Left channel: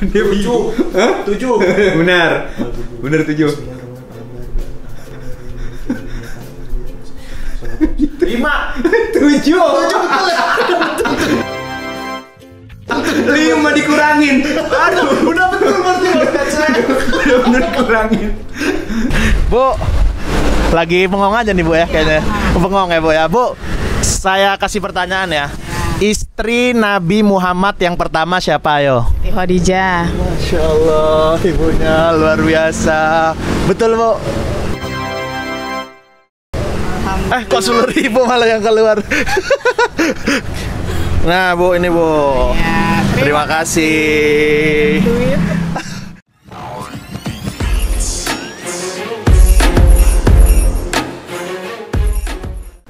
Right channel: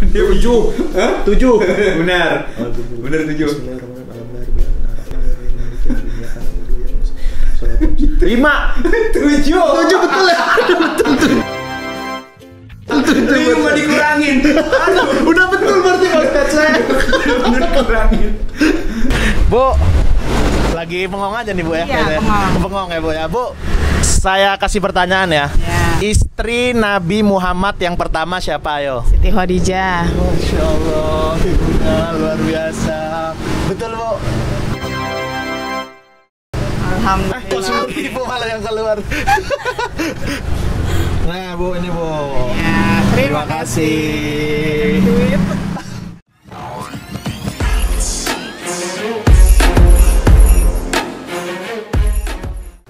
Dia 7. Hah? 7. Benar. Benar 7. 5. 7. 7 betul ya? 5 dikurangin. Aduh, udah betul berarti Ustaz saya. Benar dikurangin. Bu, lagi bengong aja nih Bu ya, kayaknya. Bengong ya Bu ya. Bu, saya kasih pertanyaan ya. Istri Nabi Muhammad yang pertama siapa, ayo? Siti Khadijah. Masya Allah, ibunya luar biasa. Betul Bu? Alhamdulillah. Kok 10.000 malah yang keluar. Nah Bu, ini Bu. Ya, Terima kasih. Duit.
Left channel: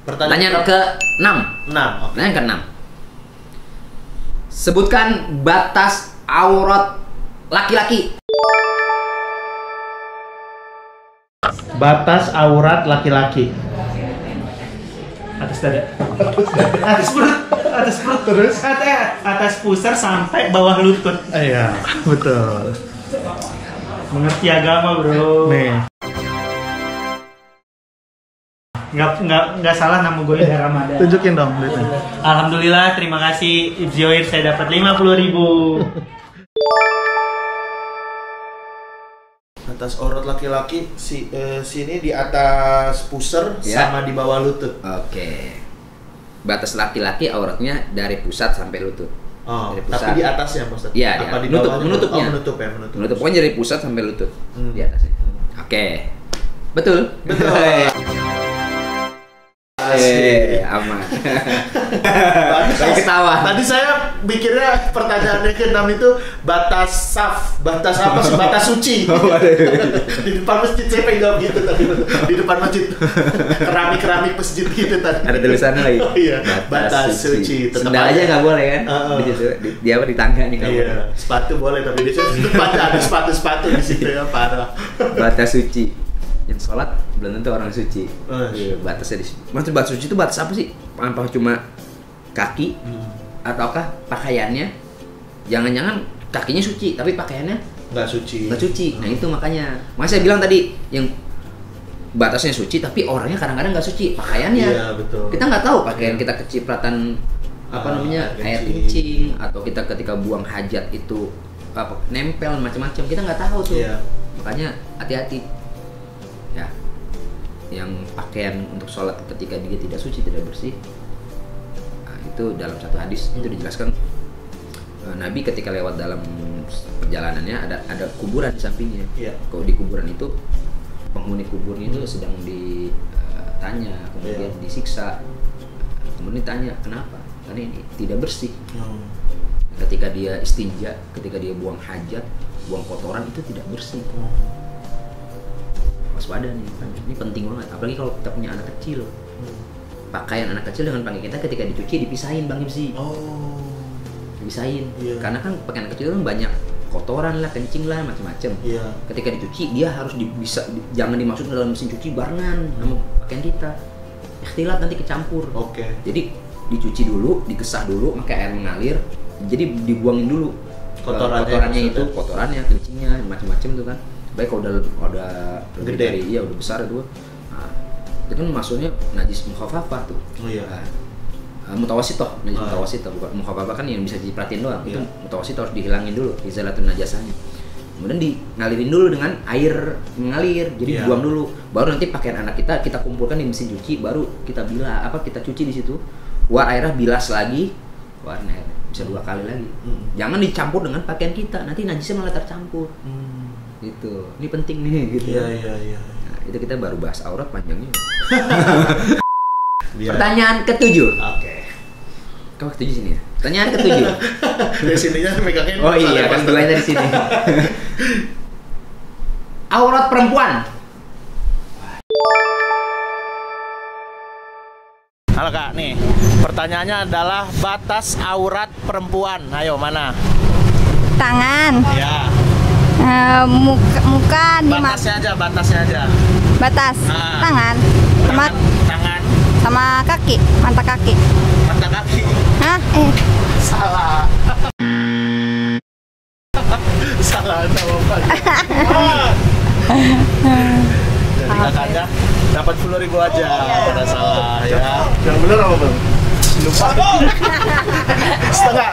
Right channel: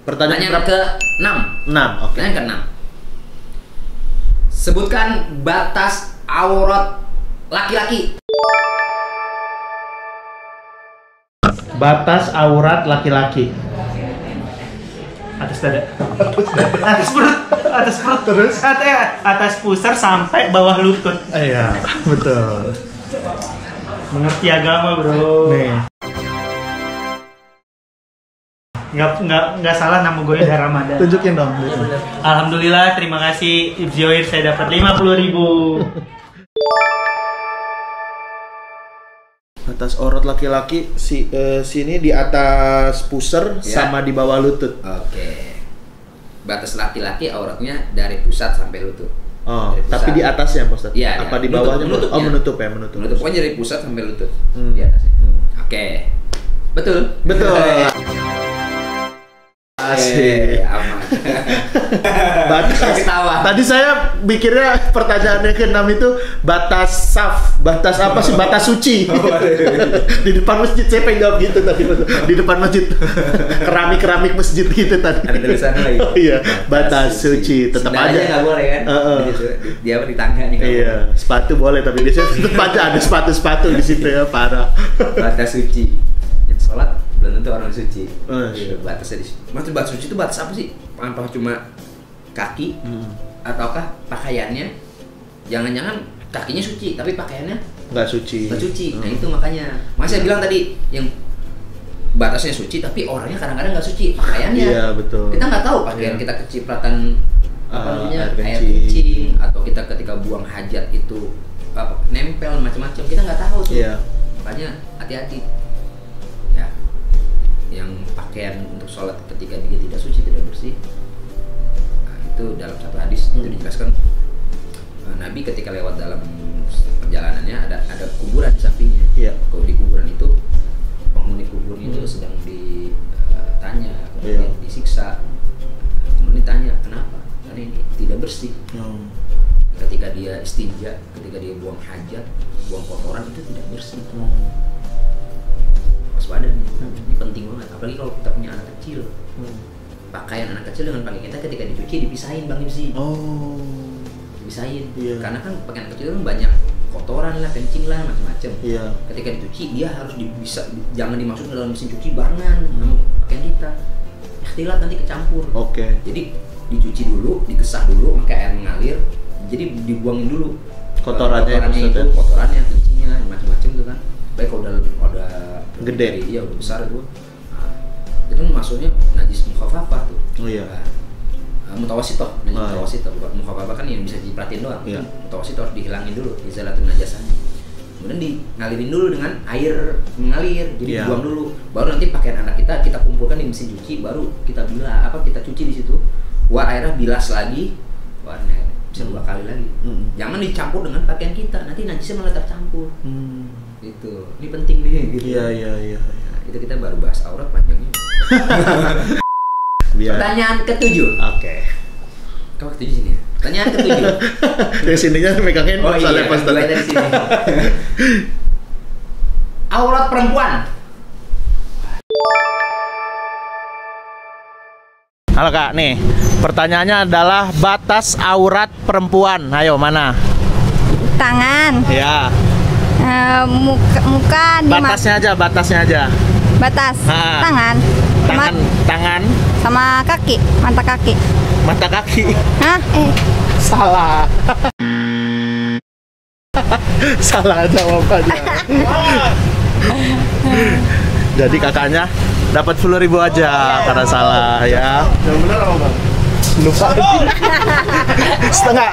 Pertanyaan ke-6. 6. Oke. Pertanyaan ke-6. Sebutkan batas aurat laki-laki. Batas aurat laki-laki. Atas dada, atas perut terus, atas pusar sampai bawah lutut. Iya, betul. Mengerti agama bro. Nih. Nggak salah nama gue dari Ramadan. Tunjukin dong. Alhamdulillah, terima kasih Ibzoir, saya dapat 50.000. Atas aurat laki-laki sini di atas pusar Ya. sama di bawah lutut. Oke. Batas laki-laki auratnya dari pusat sampai lutut. Oh, Dari pusat. tapi di atasnya Pak Ustaz? Iya, Apa di di bawahnya? menutupnya. Oh, menutup ya, menutup. Menutup pokoknya dari pusat sampai lutut. Hmm. Di atasnya. Hmm. Oke. Betul. Betul. Asik. Aman. Batas. Ketawa. Tadi saya mikirnya pertanyaannya ke-6 itu batas saf, batas apa sih? Batas suci. Di depan masjid saya pengen jawab gitu tadi. Di depan masjid. Keramik masjid gitu tadi. Ada tulisannya lagi. Oh, iya, batas suci. Tetap Sendal aja nggak boleh kan? Di situ. Dia apa di tangga nih nggak Iya, boleh. sepatu boleh tapi di situ tetap aja ada sepatu di situ ya, parah. Batas suci. Yang sholat belum tentu orang suci. Iya. Batasnya di situ. Maksud batas suci itu batas apa sih? Apa cuma kaki? Ataukah pakaiannya? Jangan-jangan kakinya suci tapi pakaiannya Nggak suci. nggak suci. Nah itu makanya. Makanya saya bilang tadi yang batasnya suci tapi orangnya kadang-kadang nggak suci pakaiannya. Iya, betul. Kita nggak tahu pakaian Iya. kita kecipratan Air air kencing atau kita ketika buang hajat itu apa nempel macam-macam, kita nggak tahu tuh. Iya. Makanya hati-hati ya. Yang pakaian untuk sholat ketika dia tidak suci, tidak bersih, nah, itu dalam satu hadis itu dijelaskan Nabi ketika lewat dalam perjalanannya ada kuburan di sampingnya. Iya. Kalau di kuburan itu penghuni kuburnya itu sedang ditanya, kemudian disiksa, kemudian ditanya kenapa? Karena ini tidak bersih. Ketika dia istinja, ketika dia buang hajat, buang kotoran itu tidak bersih. Waspada nih, ini penting banget. Apalagi kalau kita punya anak kecil. Pakaian anak kecil dengan pakaian kita ketika dicuci dipisahin Bang Imsi. Oh. Dipisahin. Iya. Karena kan pakaian anak kecil kan banyak kotoran lah, kencing lah, macam-macam. Iya. Ketika dicuci dia harus jangan dimasukkan ke dalam mesin cuci barengan sama pakaian kita. Ikhtilat nanti kecampur. Oke. Jadi dicuci dulu, dikesah dulu, maka air mengalir. Jadi dibuangin dulu Kotorannya itu, kotorannya, kencingnya, macam-macam tuh kan. Baik kalau udah Gede. iya udah besar itu. Nah, itu kan maksudnya najis mukhafafah tuh. Oh iya. Mutawasitoh, najis Ah. mutawasitoh, bukan mukhafafah kan yang bisa diperhatiin doang. Iya. Itu mutawasitoh harus dihilangin dulu, izalatun najasahnya. Kemudian ngalirin dulu dengan air mengalir, jadi Iya. buang dulu. Baru nanti pakaian anak kita kumpulkan di mesin cuci, baru kita kita cuci di situ. Keluar airnya, bilas lagi, keluar air bisa 2 kali lagi. Jangan dicampur dengan pakaian kita, nanti najisnya malah tercampur. Gitu. Ini penting nih gitu. Iya. Nah, itu kita baru bahas aurat panjangnya. Biar. Pertanyaan ke-7. Oke. Kau ke-7 sini ya? Pertanyaan ke-7. Dari sininya megang handphone. Oh iya, soalnya kan pas mulai dari sini. Aurat perempuan. Halo Kak, nih pertanyaannya adalah batas aurat perempuan. Ayo mana? Tangan, Ya. muka, Batasnya aja. batas, Ah. tangan, Tangan, sama kaki, mata kaki. mata kaki. Hah? Salah. Salah jawabannya. Jadi kakaknya dapat 10.000 aja karena salah ya. Yang benar apa bang? Lupa.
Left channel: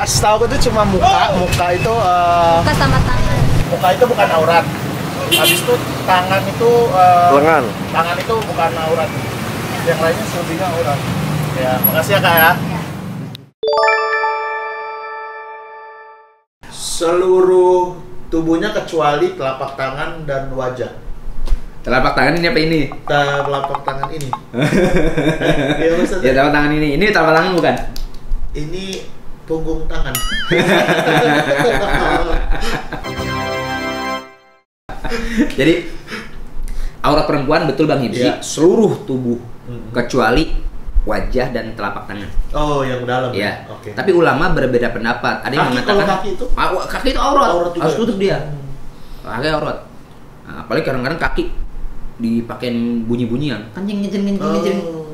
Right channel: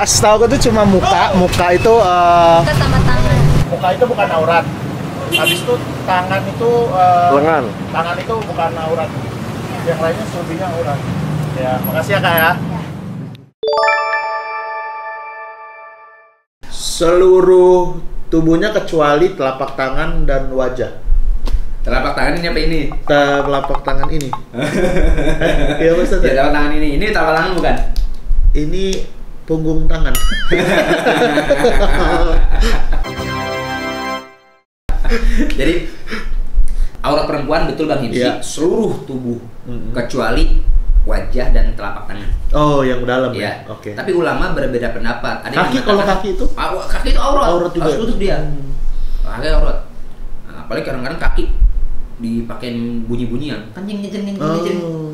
Setahu aku tuh cuma muka. Muka itu Muka sama tangan. muka itu bukan aurat. Habis itu tangan itu lengan. Tangan itu bukan aurat. Yang lainnya selebihnya aurat. Ya, makasih ya kak ya. Seluruh tubuhnya kecuali telapak tangan dan wajah. Telapak tangan ini apa ini? Telapak tangan ini. Iya Ustaz. Ya telapak tangan ini. Ini telapak tangan bukan? Ini punggung tangan. Jadi aurat perempuan betul Bang Hipsi, Iya. seluruh tubuh kecuali wajah dan telapak tangan. Oh, yang dalam Ya. ya. Oke. Tapi ulama berbeda pendapat. Ada yang Kaki, mengatakan kalau kaki itu? Kaki itu aurat. Aurat juga. Harus tutup dia. Kaki aurat. Nah, apalagi kadang-kadang kaki dipakein bunyi-bunyian. Kencing.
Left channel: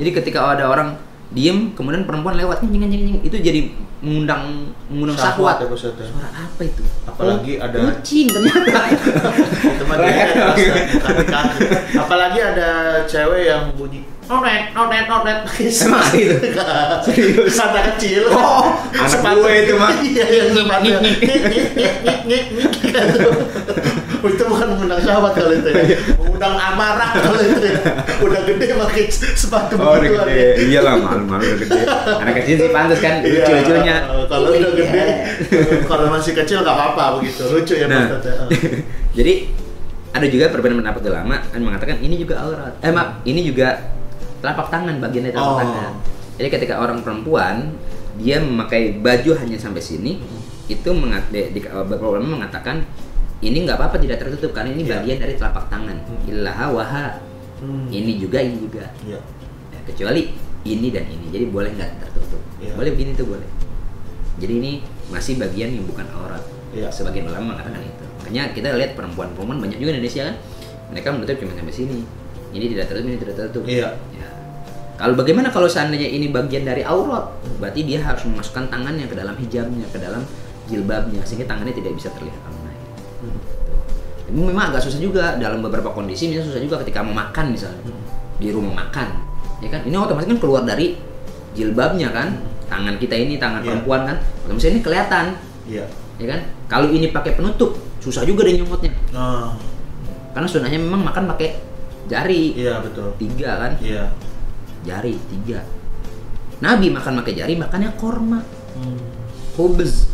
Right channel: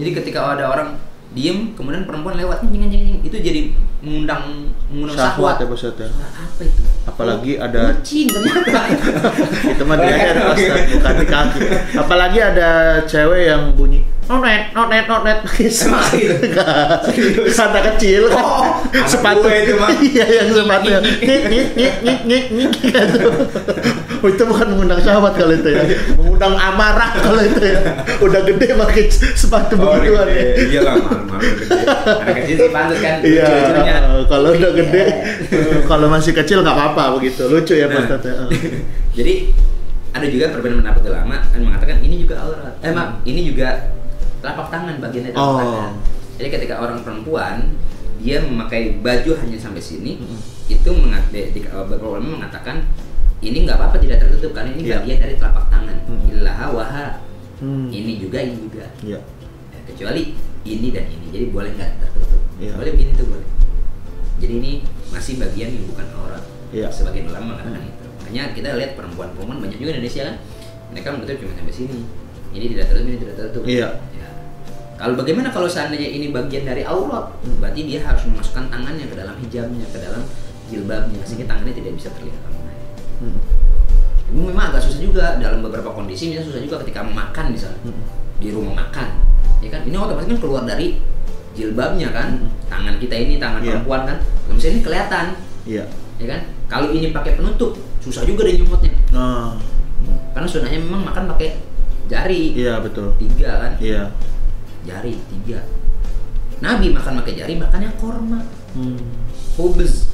Jadi ketika ada orang diem, kemudian perempuan lewat kencing, itu jadi mengundang Syahwat syahwat. ya Ustaz ya. Suara apa itu? Apalagi ada Kucing ternyata. itu mah dia bukan di kaki. Apalagi ada cewek yang bunyi nonet. Emang gitu? Serius. Kata kecil. Oh, anak sepatu gue itu mah. Iya, yang sepatu. Oh, itu bukan mengundang syahwat kalau itu ya. Mengundang amarah kalau itu ya. Udah gede pakai sepatu begituan. Iya lah, malu-malu udah gede. Anak kecil sih pantas kan, Iya, lucu-lucunya. kalau udah Iya. gede, kalau masih kecil nggak apa-apa begitu. Lucu ya Nah. Pak Ustaz ya. Jadi ada juga perbedaan pendapat ulama kan mengatakan ini juga aurat. Maaf, ini juga telapak tangan, bagian dari telapak Oh. tangan. Jadi ketika orang perempuan dia memakai baju hanya sampai sini, itu beberapa ulama mengatakan ini nggak apa-apa tidak tertutup karena ini Iya. bagian dari telapak tangan. Ilaha waha. Ini juga. Iya. Ya, kecuali ini dan ini, jadi boleh nggak tertutup. Iya. Boleh begini tuh boleh. Jadi ini masih bagian yang bukan aurat. Iya. Sebagian ulama mengatakan itu. Makanya kita lihat perempuan-perempuan banyak juga di Indonesia kan, mereka menutup cuma sampai sini. Ini tidak tertutup, ini tidak tertutup. Iya. Ya. Kalau bagaimana kalau seandainya ini bagian dari aurat, berarti dia harus memasukkan tangannya ke dalam hijabnya, ke dalam jilbabnya, sehingga tangannya tidak bisa terlihat ramai. Ini memang agak susah juga dalam beberapa kondisi, misalnya susah juga ketika makan misalnya di rumah makan, ya kan? Ini otomatis kan keluar dari jilbabnya kan, tangan kita ini tangan Iya. perempuan kan, misalnya ini kelihatan, Iya. ya kan? Kalau ini pakai penutup, susah juga deh nyomotnya, Oh. karena sunahnya memang makan pakai jari, Iya betul. 3 kan, Iya. jari 3. Nabi makan pakai jari, makannya korma, khubz,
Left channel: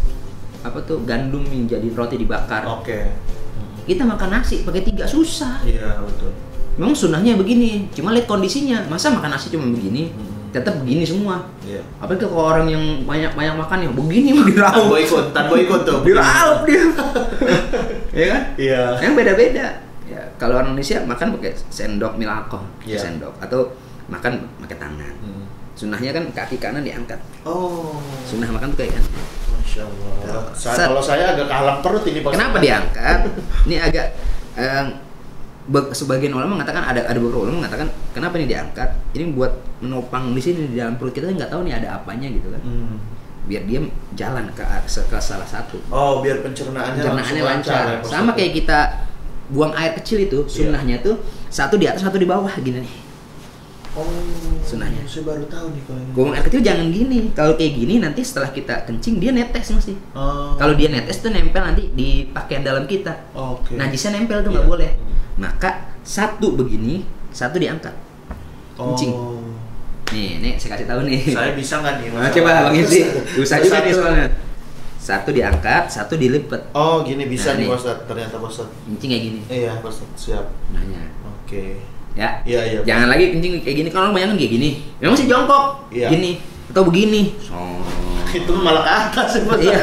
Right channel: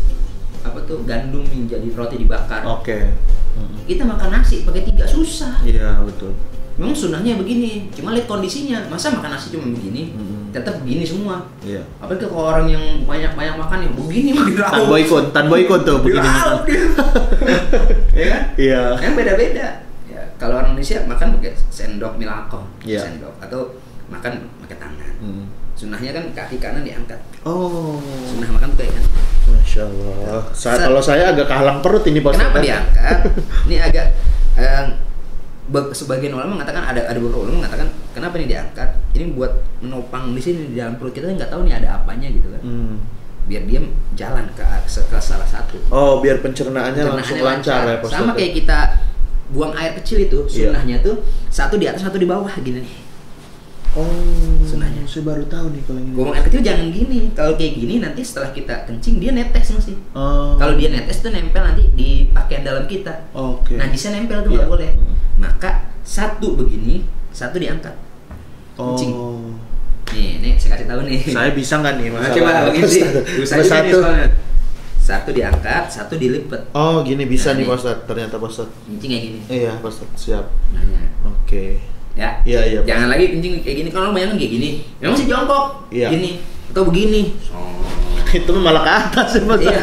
apa tuh gandum yang jadi roti dibakar. Oke. Kita makan nasi pakai 3 susah. Iya betul. Memang sunahnya begini, cuma lihat kondisinya. Masa makan nasi cuma begini, tetap begini semua. Iya. Apalagi kalau orang yang banyak makan yang begini mah Tan boykot tuh. begini. diraup dia. Ya kan? Iya. Yang beda-beda. Ya, kalau orang Indonesia makan pakai sendok milako, Iya. sendok atau makan pakai tangan. Sunahnya kan kaki kanan diangkat. Oh. Sunah makan tuh kayak kan. Masya Allah. Kalau saya agak kehalang perut ini Pak. Kenapa diangkat? Ini agak sebagian ulama mengatakan ada beberapa ulama mengatakan kenapa ini diangkat? Ini buat menopang di sini di dalam perut kita nggak tahu nih ada apanya gitu kan. Biar dia jalan ke salah satu. Oh, biar pencernaannya langsung lancar ya, Pak Sama Ustaz. kayak kita buang air kecil itu, sunnahnya tuh satu di atas satu di bawah gini nih. Oh, sunahnya. Saya baru tahu nih kalau ini. Buang air kecil jangan gini. Kalau kayak gini nanti setelah kita kencing dia netes masih. Oh. Kalau dia netes tuh nempel nanti di pakaian dalam kita. Oke. Najisnya nempel tuh nggak Iya. boleh. Maka satu begini, satu diangkat. Kencing. Oh. Nih saya kasih tahu nih. Saya bisa nggak nih? Nah, coba begini sih. Susah juga nih Satu. soalnya. Satu diangkat, satu dilipet. Oh, gini bisa Nah, nih nih. Pak Ustadz. Ternyata Pak Ustadz. Kencing kayak gini. Iya, Pak Ustadz. Siap. Nanya. Oke. Ya. Iya, iya. Pak. Jangan lagi kencing kayak gini. Kalau orang banyak kan kayak gini. Memang sih jongkok. Iya. Gini atau begini. Itu malah ke atas ya, Pak Ustadz. Iya.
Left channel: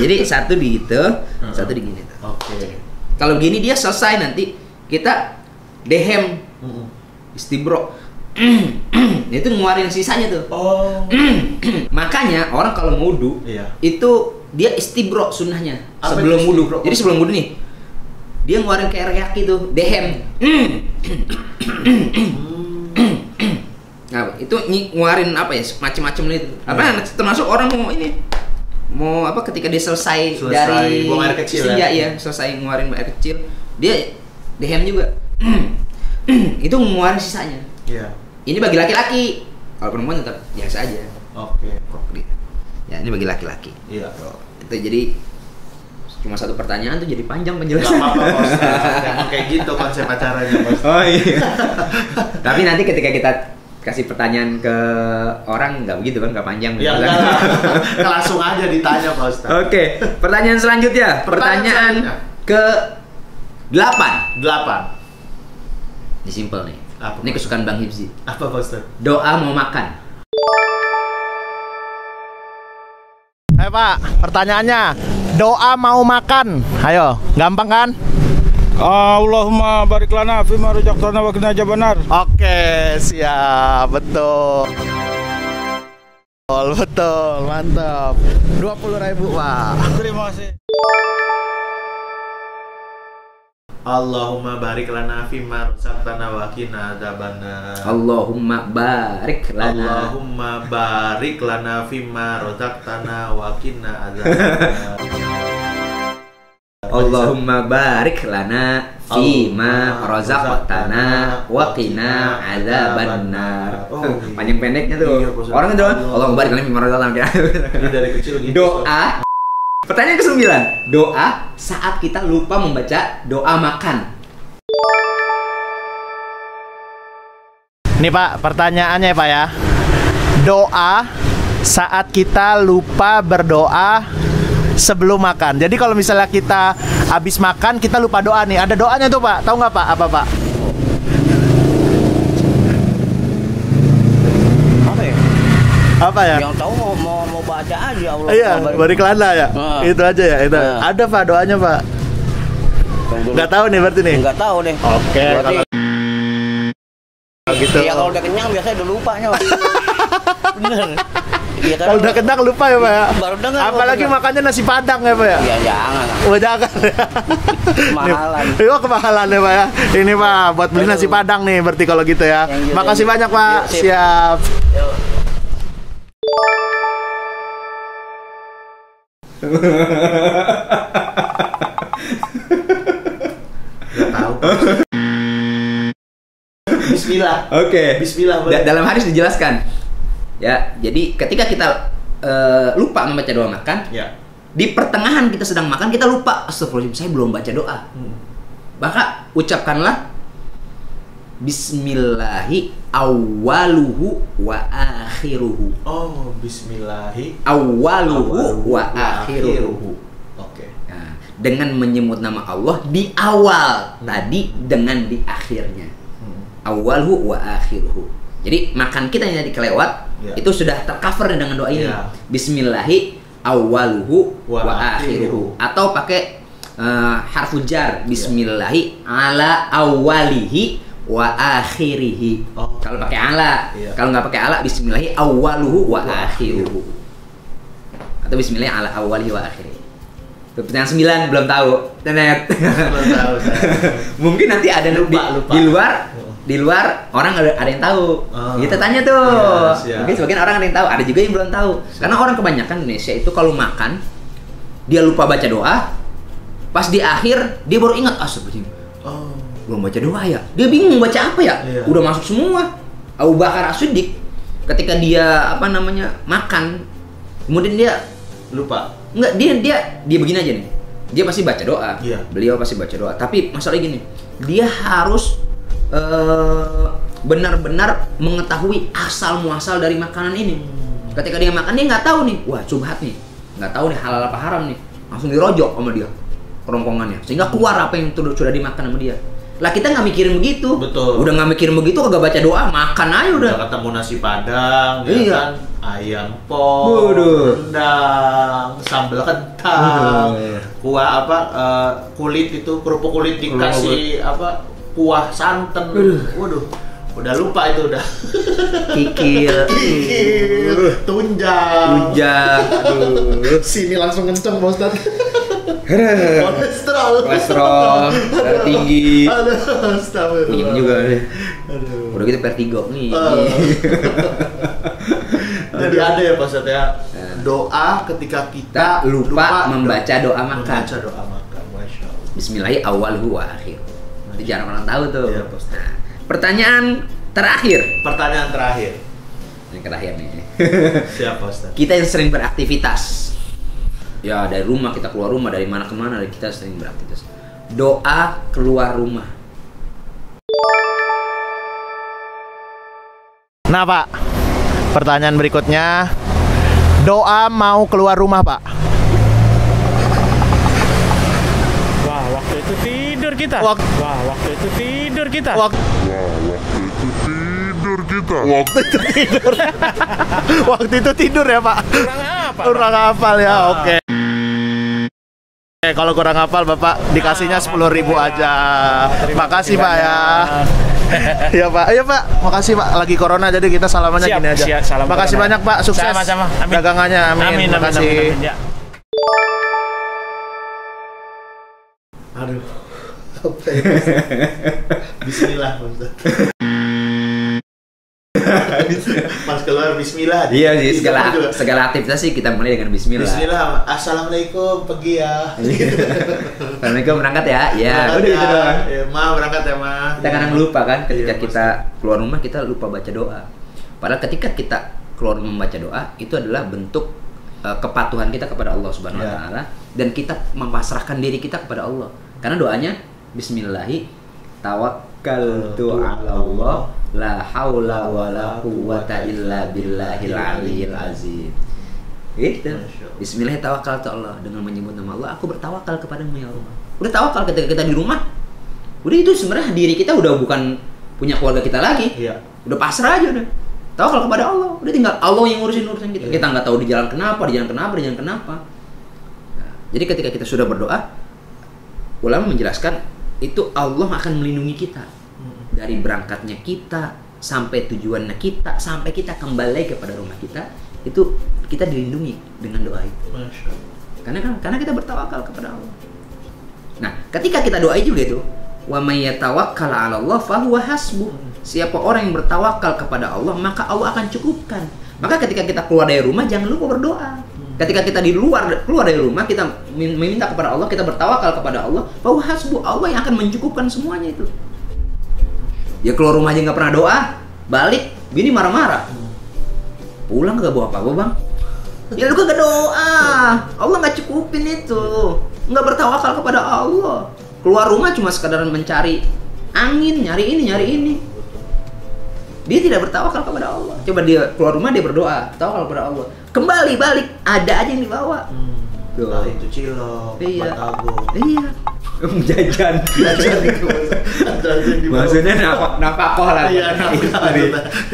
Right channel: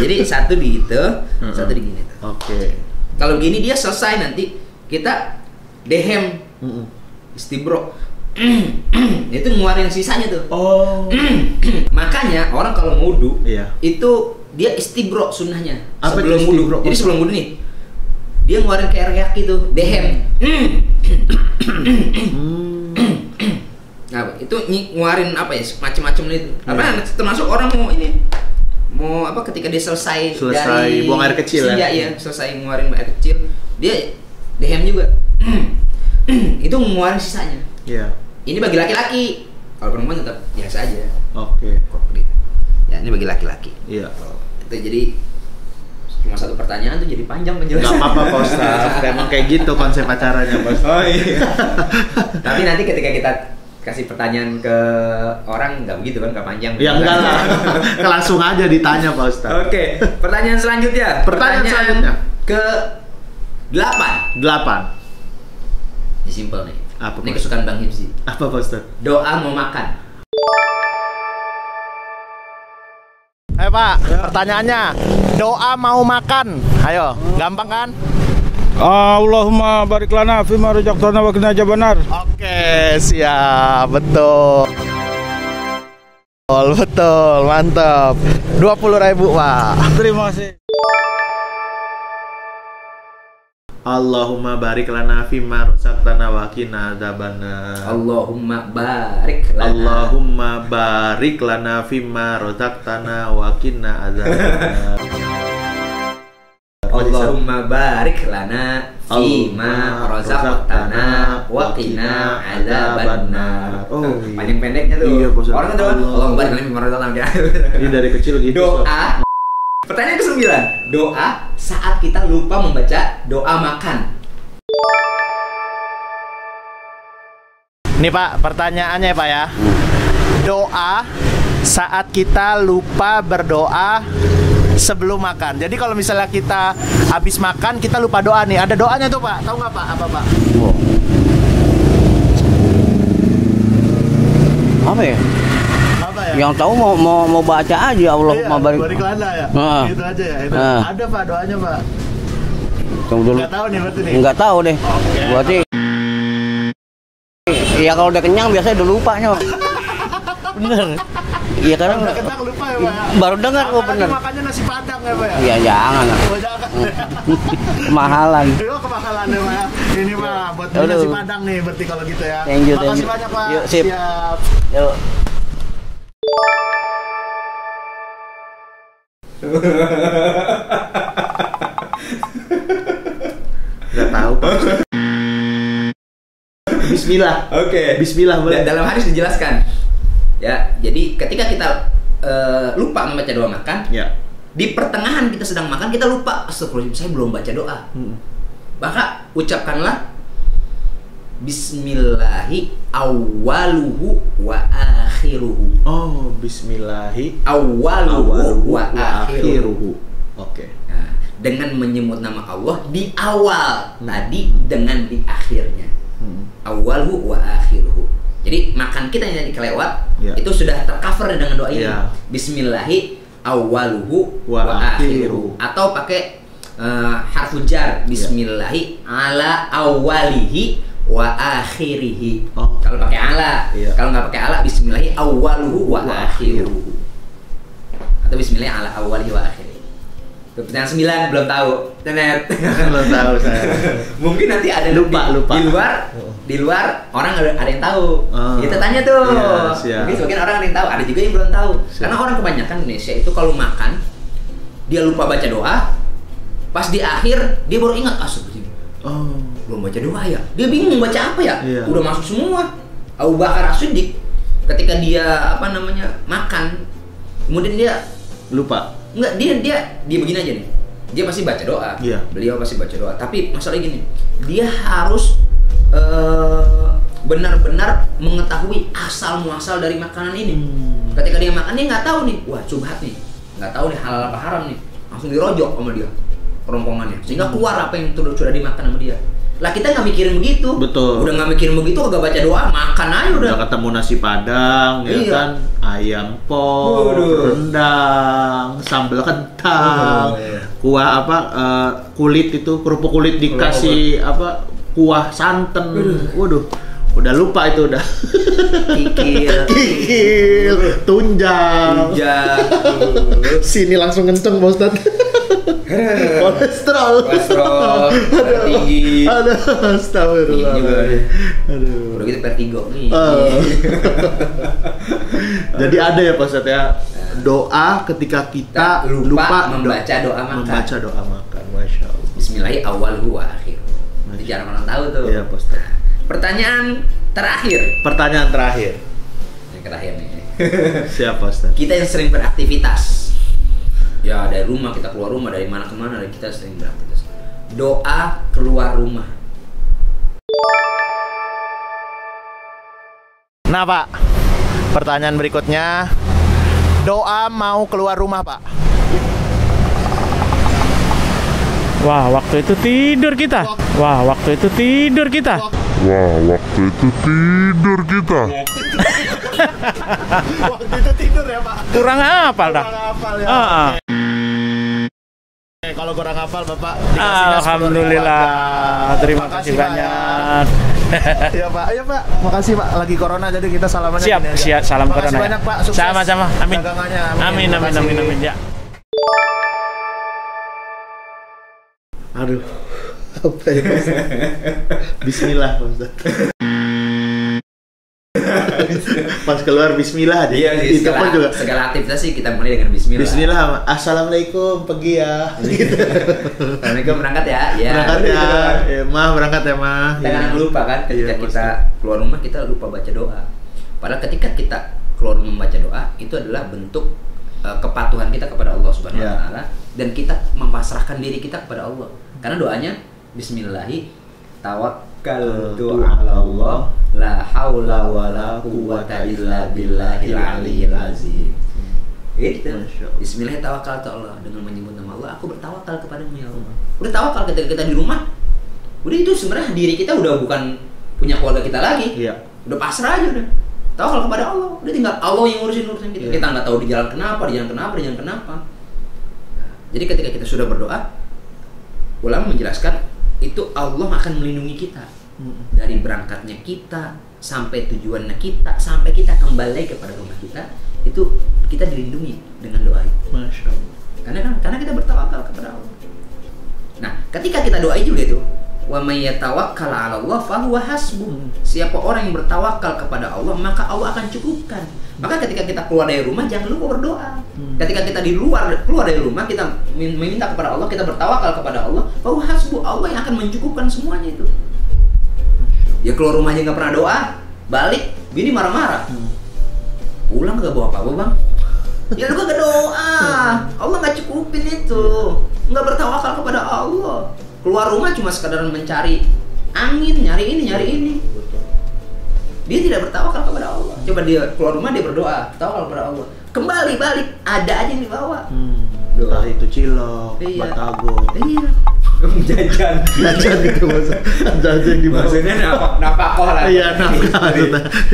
Jadi satu di itu, satu di gini tuh. Oke. Kalau begini dia selesai nanti kita dehem istibro. Itu ngeluarin sisanya tuh. Oh. Makanya orang kalau mau wudu Iya. itu dia istibro sunnahnya Apa sebelum itu wudu. istibro? Jadi sebelum wudu nih dia ngeluarin kayak reak gitu, dehem. Nah, itu ngeluarin apa ya macam-macam itu. Apa termasuk orang mau ini mau apa ketika dia selesai Selesai dari buang air kecil ya? Iya, selesai ngeluarin air kecil, dia dehem juga. Itu ngeluarin sisanya. Iya. Ini bagi laki-laki. Kalau perempuan tetap biasa aja. Oke. Kok dia. Ya, ini bagi laki-laki. Iya. Itu jadi cuma satu pertanyaan tuh jadi panjang Gak penjelasan. apa-apa Pak Ustadz, emang kayak gitu konsep acaranya Pak Ustadz. Oh iya. Tapi nanti ketika kita kasih pertanyaan ke orang nggak begitu kan, nggak panjang. Ya enggak lah, langsung aja ditanya Pak Ustadz. Oke, pertanyaan selanjutnya. Pertanyaan selanjutnya. ke 8. 8. Ini simple nih. Apa, Ini Pak? kesukaan Bang Hipzi. Apa Pak Ustadz? Doa mau makan. Ayo Pak, pertanyaannya. Doa mau makan. Ayo, gampang kan? Allahumma barik lana fima razaqtana wa qina adzabannar. Oke, siap, betul. Betul, mantap. 20.000 Pak. Terima kasih. Allahumma barik lana fima razaqtana wa qina adzabannar. Allahumma barik lana. Allahumma barik lana fima razaqtana wa qina adzabannar. Allahumma barik lana fima razaqtana wa qina adzabannar. Oh, Panjang pendeknya tuh. Iya, Pak Ustadz. Orang itu Allahumma barik lana fima razaqtana. Ini dari kecil gitu. Doa. Pertanyaan ke-9. Doa saat kita lupa membaca doa makan. Nih Pak, pertanyaannya Pak ya. Doa saat kita lupa berdoa sebelum makan. Jadi kalau misalnya kita habis makan kita lupa doa nih. Ada doanya tuh Pak. Tahu nggak Pak? Apa Pak? Apa ya? Apa ya? Yang tahu mau baca aja Allah Iya, barik. barik lana ya. Ah. Itu aja ya. Itu. Ah. Ada Pak doanya Pak. Tunggu dulu. Nggak tahu nih berarti nih. Enggak tahu deh. Oke. Berarti iya kalau udah kenyang biasanya udah lupa nyawa. Bener. Iya kan Udah kenyang lupa ya Pak. baru dengar kok Apalagi bener. makannya nasi padang ya Pak ya. Iya jangan lah. Oh, jangan. Kemahalan. Itu kemahalan ya Pak ya. Ini Pak buat beli Aduh. nasi padang nih berarti kalau gitu ya. Thank you, Makasih thank you. banyak Pak. Yuk, sip. Siap. Yuk. Gak tahu Pak. Bismillah. Oke. Bismillah boleh. Dalam hadis dijelaskan. Ya, jadi ketika kita lupa membaca doa makan, Ya. di pertengahan kita sedang makan kita lupa, astagfirullahaladzim saya belum baca doa. Maka ucapkanlah Bismillahi awwaluhu wa akhiruhu. Oh, bismillahi Awwaluhu wa akhiruhu. Oke. Nah, dengan menyebut nama Allah di awal tadi dengan di akhirnya. Awwaluhu wa akhiruhu. Jadi makan kita yang tadi kelewat Ya. itu sudah tercover dengan doa ini. Ya. Bismillahi awwaluhu Wa wa akhiruhu. Atau pakai harfu jar. Bismillahi ala awwalihi wa akhirihi. Oh. Kalau pakai ala, Iya. kalau nggak pakai ala, Bismillahi awwaluhu wa akhiruhu. Atau Bismillahi ala awwalihi wa akhirihi. Itu pertanyaan 9 belum tahu. Tenet. Belum tahu saya. Mungkin nanti ada Lupa. di luar orang ada yang tahu. Oh. Kita tanya tuh. Iya, siap. Mungkin sebagian orang ada yang tahu, ada juga yang belum tahu. Karena orang kebanyakan Indonesia itu kalau makan dia lupa baca doa, pas di akhir dia baru ingat astagfirullah. Oh. Belum baca doa ya. Dia bingung baca apa ya? Iya. Udah masuk semua. Abu Bakar As-Siddiq ketika dia makan, kemudian dia Lupa. enggak dia begini aja nih. Dia pasti baca doa. Iya. Beliau pasti baca doa. Tapi masalahnya gini, dia harus benar-benar mengetahui asal muasal dari makanan ini. Ketika dia makan dia nggak tahu nih, wah subhat nih, nggak tahu nih halal apa haram nih, langsung dirojok sama dia kerongkongannya, sehingga keluar apa yang sudah dimakan sama dia. Lah kita nggak mikirin begitu. Betul. Udah nggak mikirin begitu, kagak baca doa, makan aja udah. Udah ketemu nasi padang, ya Iya. kan, ayam pop, Waduh. rendang, sambal kentang, Iya. kuah apa, kulit itu kerupuk kulit dikasih apa, kuah santan. Waduh, udah lupa itu udah. Kikil, Kikil, tunjang. Ujang, Sini langsung kenceng Pak Ustadz. Kolesterol darah tinggi. Aduh, astagfirullah. Ini juga. Aduh. Udah gitu vertigo nih. Jadi ada ya Pak Ustadz ya, doa ketika kita lupa membaca doa makan. Membaca doa makan, Masya Allah. Bismillahi awwaluhu wa akhir. Itu jarang orang tahu tuh. Iya, Pak Ustadz. Nah, pertanyaan terakhir. Pertanyaan terakhir. Yang terakhir nih. Siapa Ustadz? Kita yang sering beraktivitas. Ya dari rumah, kita keluar rumah, dari mana kemana, kita sering beraktivitas. Doa keluar rumah. Nah Pak, pertanyaan berikutnya, doa mau keluar rumah Pak. Wah, waktu itu tidur kita. Wah, waktu itu tidur kita. Waktu itu tidur ya Pak. Kurang hafal, Pak. Kurang hafal ya. Oke. Kalau kurang hafal Bapak dikasihnya 10.000 aja. Terima kasih Pak ya. Ya Pak, ayo Pak. Makasih Pak. Lagi corona jadi kita salamannya Siap, gini aja. siap. Salam Makasih corona. banyak Pak. Sukses. Sama-sama. Amin. Dagangannya. Amin, amin, Makasih. amin, amin, ya. Aduh. Apa ya? Bismillah Pak Ustaz. Pas keluar Bismillah. Iya sih, Di depan juga. segala aktivitas sih kita mulai dengan Bismillah. Bismillah. Assalamualaikum, pergi ya. Assalamualaikum, berangkat ya. Ya. Berangkat udah ya. gitu doang. Ya, Ma berangkat ya Ma. Kita kadang lupa kan ketika Iya, kita keluar rumah kita lupa baca doa. Padahal ketika kita keluar rumah membaca doa itu adalah bentuk kepatuhan kita kepada Allah Subhanahu wa Ya. taala dan kita memasrahkan diri kita kepada Allah. Karena doanya Bismillahi tawakkaltu 'ala Allah la haula wala quwwata illa billahil aliyyil azim. Gitu. Masya Allah. Bismillah tawakkaltu 'ala Allah, dengan menyebut nama Allah aku bertawakal kepadamu ya Allah. Udah tawakal ketika kita di rumah. Udah itu sebenarnya diri kita udah bukan punya keluarga kita lagi. Iya. Udah pasrah aja udah. Tawakal kepada Allah. Udah tinggal Allah yang ngurusin kita. Iya. Kita nggak tahu di jalan kenapa. Nah, jadi ketika kita sudah berdoa, ulama menjelaskan itu Allah akan melindungi kita dari berangkatnya kita sampai tujuannya kita sampai kita kembali kepada rumah kita, itu kita dilindungi dengan doa itu. Masya Allah. Karena kita bertawakal kepada Allah. Nah, ketika kita doa juga itu, wa may yatawakkal 'ala Allah fahuwa hasbuh. Siapa orang yang bertawakal kepada Allah, maka Allah akan cukupkan. Maka ketika kita keluar dari rumah jangan lupa berdoa. Ketika kita keluar dari rumah kita meminta kepada Allah, kita bertawakal kepada Allah, fahuwa hasbuh. Allah yang akan mencukupkan semuanya itu. Ya keluar rumah aja nggak pernah doa, balik bini marah-marah. Pulang gak bawa apa-apa bang? Ya lu gak doa, Allah nggak cukupin itu, nggak bertawakal kepada Allah. Keluar rumah cuma sekadar mencari angin, nyari ini. Dia tidak bertawakal kepada Allah. Coba dia keluar rumah dia berdoa, tawakal kepada Allah. Kembali balik ada aja yang dibawa. Entah itu cilok, Iya. batagor. Iya. Jajan Gitu jajan di bawah. Maksudnya nafkah lah. Iya, nafkah.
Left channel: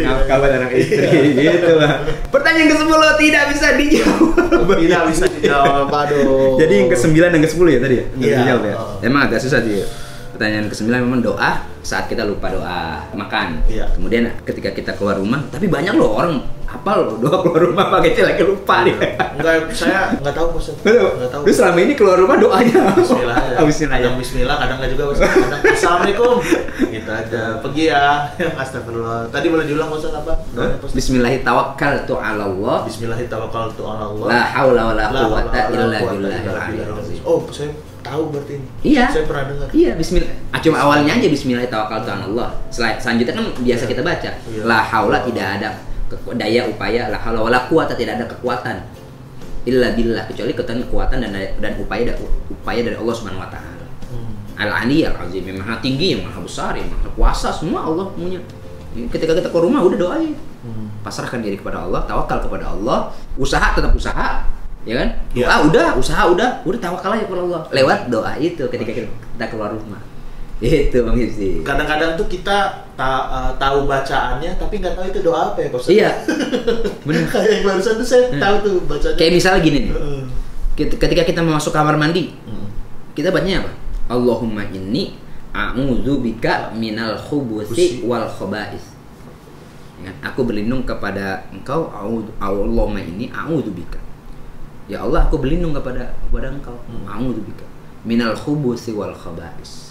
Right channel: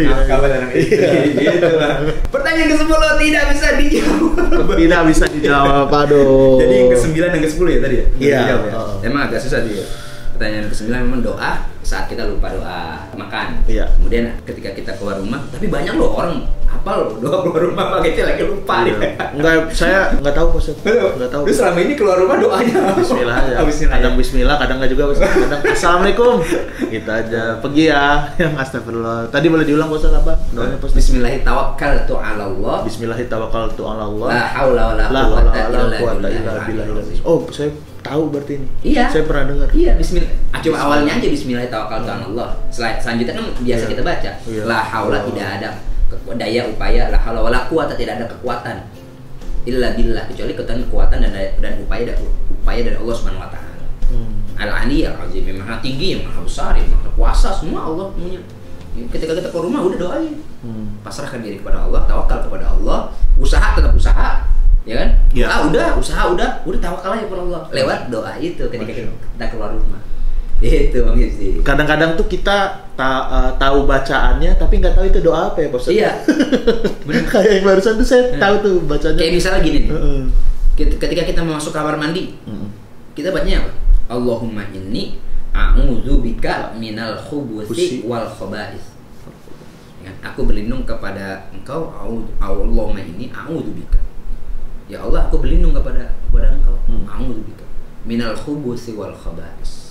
Nafkah buat anak istri gitu lah. Pertanyaan ke-10 tidak bisa dijawab. Tidak bisa dijawab, aduh. Jadi yang ke-9 dan ke-10 ya tadi ya? Nggak Iya. dijawab ya? Oh. Emang agak susah sih ya. Pertanyaan ke-9 memang doa saat kita lupa doa makan. Iya. Kemudian ketika kita keluar rumah, tapi banyak loh orang hafal doa keluar rumah pakai lagi lupa dia. Enggak, saya enggak tahu Ustaz. Enggak tahu. Lu selama ini keluar rumah doanya Bismillah aja. Bismillah. Kadang bismillah, kadang enggak juga Ustaz. Kadang Assalamualaikum. Gitu aja. Pergi ya. Astagfirullah. Tadi boleh diulang Ustaz apa? Doanya Ustaz. Bismillahi tawakkaltu 'ala Allah. Bismillahirrahmanirrahim. Allah. La haula wala La quwwata haula illa wala quwwata billahil illa aliyyil billah. azim. Oh, saya tahu berarti ini. Iya. Saya pernah dengar. Iya, bismillah. Cuma awalnya aja bismillahirrahmanirrahim. Selanjutnya kan biasa Iya. kita baca. Iya. La haula tidak ada daya upaya, la haula wala quwata tidak ada kekuatan illa billah, kecuali kekuatan dan upaya dari Allah Subhanahu wa taala. Al-Ali al-Azim, yang maha tinggi, yang maha besar, yang maha kuasa, semua Allah punya. Ketika kita ke rumah udah doain. Pasrahkan diri kepada Allah, tawakal kepada Allah, usaha tetap usaha, ya kan? Iya. Usaha udah tawakal aja kepada Allah. Lewat doa itu ketika kita keluar rumah. Itu Bang Yusdi. Kadang-kadang tuh kita tahu bacaannya tapi nggak tahu itu doa apa ya Pak Ustaz. Iya. Benar. Kayak yang barusan tuh saya tahu tuh bacanya. Kayak misalnya gini nih. Heeh. Ketika kita masuk kamar mandi, kita bacanya apa? Allahumma inni a'udzubika minal khubuthi wal khaba'is. Ya, aku berlindung kepada Engkau, Allahumma inni a'udzubika. Ya Allah, aku berlindung kepada Engkau. A'udzubika minal khubuthi wal khaba'is.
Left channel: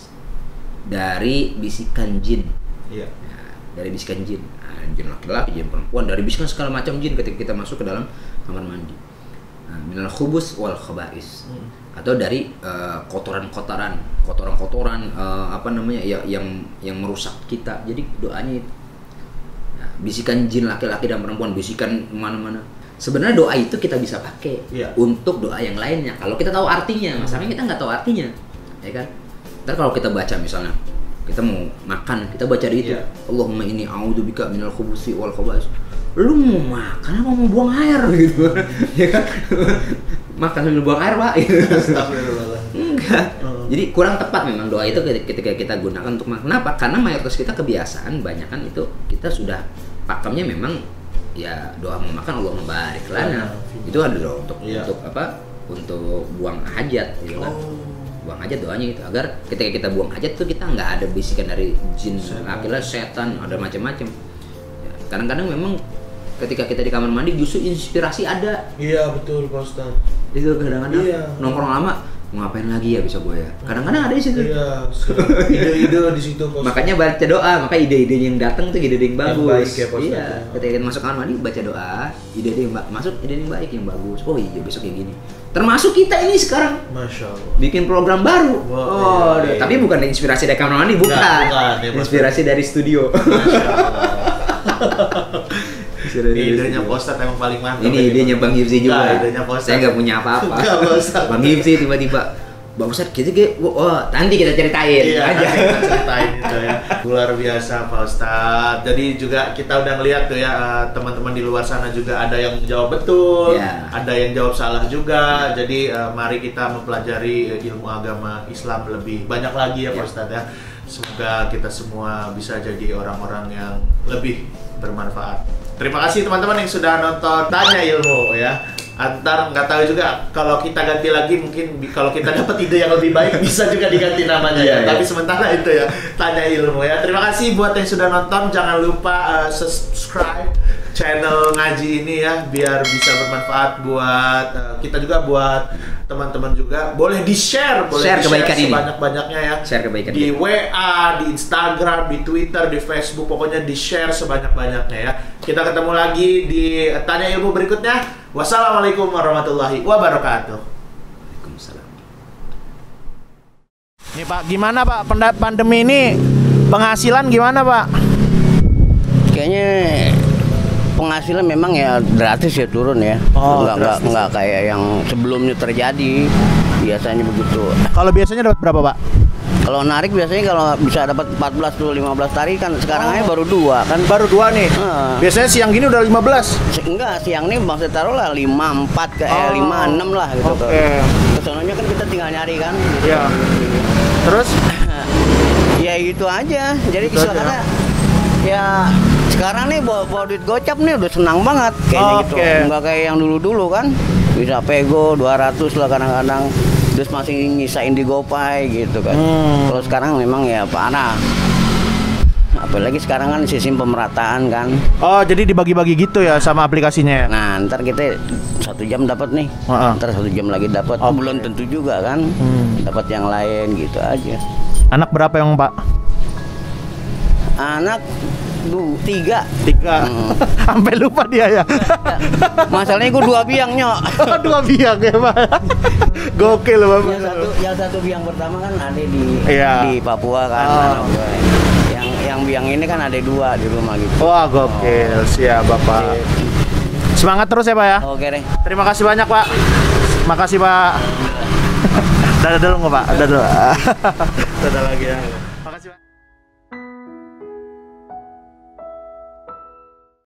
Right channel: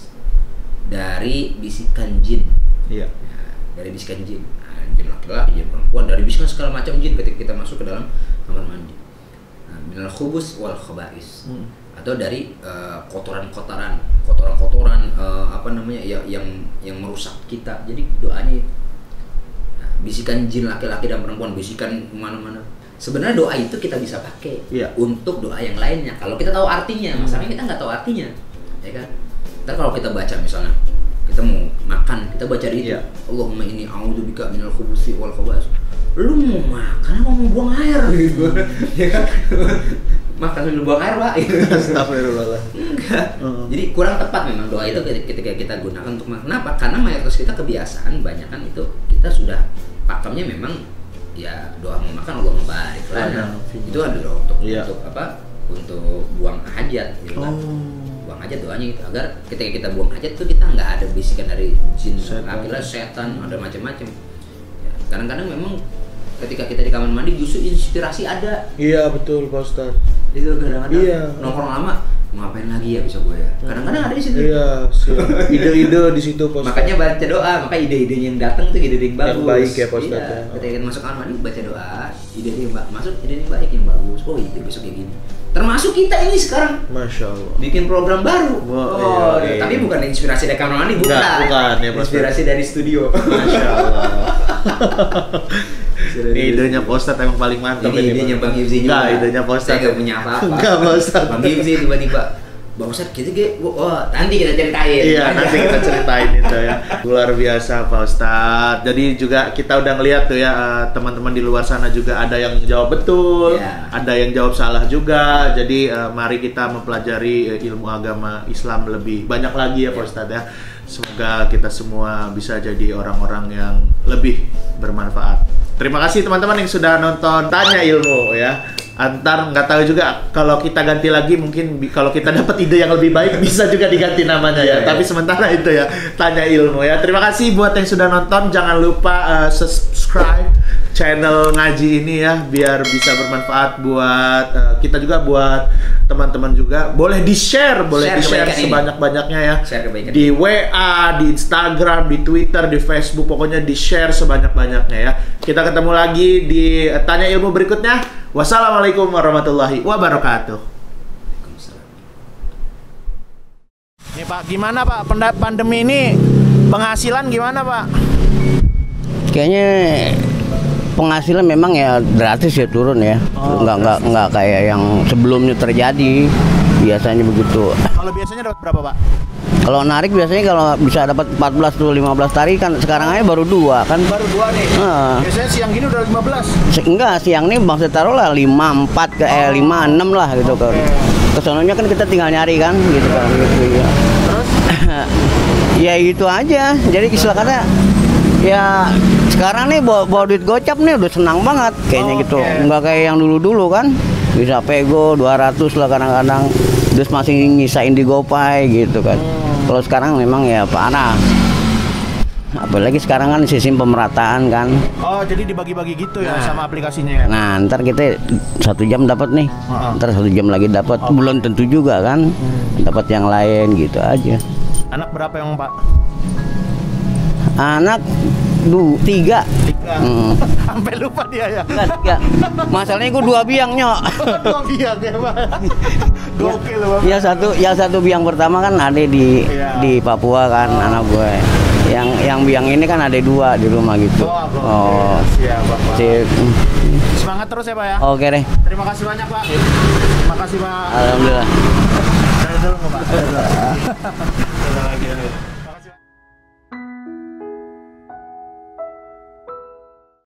Dari bisikan jin. Iya. Ya, dari bisikan jin. Nah, jin laki-laki, jin perempuan, dari bisikan segala macam jin ketika kita masuk ke dalam kamar mandi. Nah, minal khubus wal khaba'is. Atau dari kotoran-kotoran apa namanya ya yang merusak kita. Jadi doanya itu. Nah, bisikan jin laki-laki dan perempuan, bisikan mana-mana. Sebenarnya doa itu kita bisa pakai untuk doa yang lainnya kalau kita tahu artinya. Masalahnya kita nggak tahu artinya, ya kan? Ntar kalau kita baca misalnya kita mau makan, kita baca di itu, Allahumma inni a'udzubika minal khubuthi wal khaba'is. Lu mau makan apa mau buang air gitu, ya kan? Makan sambil buang air, Pak. Astagfirullah. Enggak. Jadi kurang tepat memang doa itu ketika kita gunakan untuk makan. Kenapa? Karena mayoritas kita kebiasaan banyak kan itu kita sudah pakemnya memang ya doa mau makan Allahumma barik lana. Itu ada doa untuk apa? Untuk buang hajat gitu kan. Buang hajat doanya itu agar ketika kita buang hajat tuh kita nggak ada bisikan dari jin, laki-laki, setan, ada macam-macam. Ya, kadang-kadang memang ketika kita di kamar mandi justru inspirasi ada. Iya betul Pak Ustadz. Itu kadang-kadang nongkrong lama mau ngapain lagi ya bisa gue ya. Kadang-kadang ada di situ. Iya. Ide-ide di situ Pak Ustadz. Makanya baca doa, maka ide-ide yang datang tuh ide-ide yang bagus. Yang baik ya Pak Ustadz. Iya. Ketika kita masuk kamar mandi baca doa, ide-ide yang masuk ide yang baik yang bagus. Oh iya besok kayak gini. Termasuk kita ini sekarang. Masya Allah. Bikin program baru. Tapi bukan inspirasi dari kamar mandi, bukan. Bukan ya, inspirasi dari studio. Masya Allah. Idenya Pak Ustadz emang paling mantap. Ini idenya Bang Hifzi juga. Nah, idenya Pak Ustadz. Saya nggak punya apa-apa. Nggak, Pak Ustadz. Bang Hifzi tiba-tiba, Bang Ustadz nanti kita ceritain. Iya, nanti kita ceritain itu ya. Luar biasa Pak Ustadz. Jadi juga kita udah ngeliat tuh ya teman-teman di luar sana juga ada yang jawab betul, ada yang jawab salah juga. Jadi mari kita mempelajari ilmu agama Islam lebih banyak lagi ya Pak Ustadz ya. Semoga kita semua bisa jadi orang-orang yang lebih bermanfaat. Terima kasih teman-teman yang sudah nonton Tanya Ilmu ya. Antar nggak tahu juga kalau kita ganti lagi mungkin kalau kita dapat ide yang lebih baik bisa juga diganti namanya ya. Tapi sementara itu ya Tanya Ilmu ya. Terima kasih buat yang sudah nonton. Jangan lupa subscribe channel ngaji ini ya biar bisa bermanfaat buat kita juga, buat teman-teman juga. Boleh di-share, boleh di-share sebanyak-banyaknya ya. Di WA, di Instagram, di Twitter, di Facebook, pokoknya di-share sebanyak-banyaknya ya. Kita ketemu lagi di Tanya Ilmu berikutnya. Wassalamualaikum warahmatullahi wabarakatuh. Waalaikumsalam. Nih Pak, gimana Pak pandemi ini penghasilan gimana Pak? Kayaknya penghasilan memang ya gratis ya turun ya. Nggak kayak yang sebelumnya terjadi. Biasanya begitu. Kalau biasanya dapat berapa Pak? Kalau narik biasanya kalau bisa dapat 14 tuh 15 tarikan, sekarang aja baru 2 kan. Baru 2 nih. Biasanya siang gini udah 15. Enggak, siang nih maksud taruh lah 5, 4 ke 5, 6 lah gitu kan. Kesononya kan kita tinggal nyari kan gitu kan. Terus ya itu aja. Jadi silakannya ya sekarang nih bawa duit gocap nih udah senang banget kayaknya gitu. Enggak kayak yang dulu-dulu kan. Bisa pego 200 lah kadang-kadang. Terus masih nyisain di GoPay gitu kan. Kalau sekarang memang ya parah. Apalagi sekarang kan sistem pemerataan kan. Oh, jadi dibagi-bagi gitu ya sama aplikasinya ya? Nah, ntar kita 1 jam dapat nih. Ntar 1 jam lagi dapat. Belum tentu juga kan. Dapat yang lain gitu aja. Anak berapa yang Pak? Anak 3. Sampai lupa dia ya. Masalahnya gue 2 biang nyok. 2 biang ya Pak. Gokil Pak. Yang satu biang pertama kan ada di Papua kan anak gue. Yang biang ini kan ada 2 di rumah gitu. Wah gokil. Siap Bapak. Semangat terus ya Pak ya. Oke deh. Terima kasih banyak Pak. Terima kasih Pak. Alhamdulillah. Dadah dulu nggak Pak? Dadah dulu. Dadah lagi ya.